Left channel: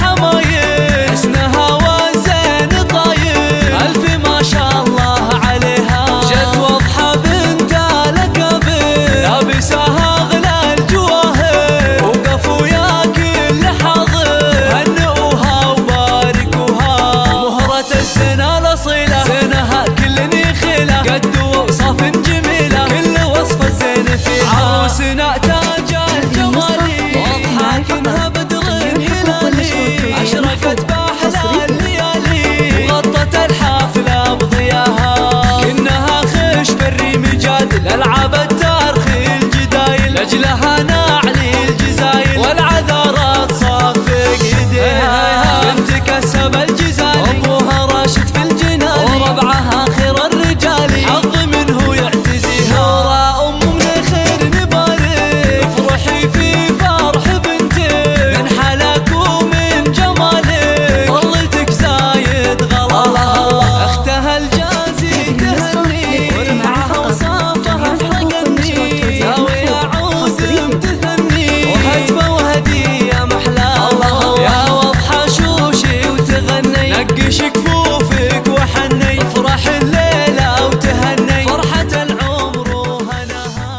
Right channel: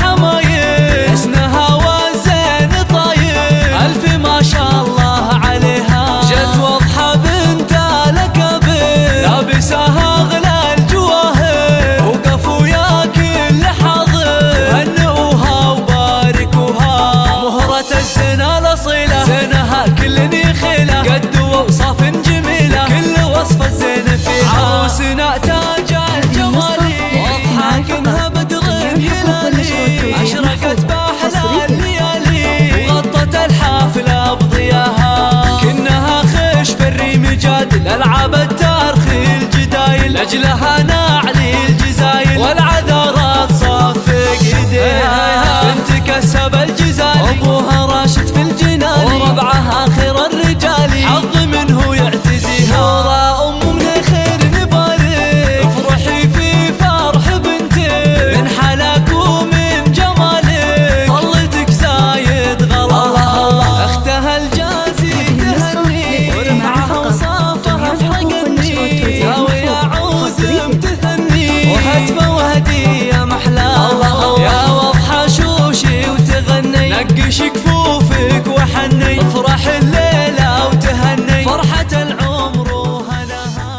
الحمايل، حسنها والزين طايل، ألف ما شاء الله عليها. جت وضحى بنت الأكابر، لابساها أغلى الجواهر، وقفوا يا كل حاضر، هنئوها وباركوها. مهرة الزنا الأصيلة، زينها كل يخيله، قد وأوصاف جميلة، كل وصف الزين فيها. عروسنا تاج الجمال، واضحة كأنها بدر هلالي، أشرقت بأحلى الليالي، وغطت الحافلة بضياها. كأنها خش في الريم جادل، ألعاب التارخ الجدايل، لأجلها نعلي الجزايل، والعذارات صافق ايديها. بنت كسب الجزالي، أبوها راشد في الجنان، وربعها خير الرجال، حظ منه يعتزيها. نورا أم من خير نبارك، افرحي في فرح بنتك، من حلاك ومن جمالك، طلتك زايد غلا. اختها الجازي تهني، ورفعها وصافها فرقني، ناوي اعود امتثني، وهتفه وهديه محلاها. يا وضحى شوشي وتغني، نقش كفوفك وحني، افرح الليله وتهني، فرحة العمر وهناها.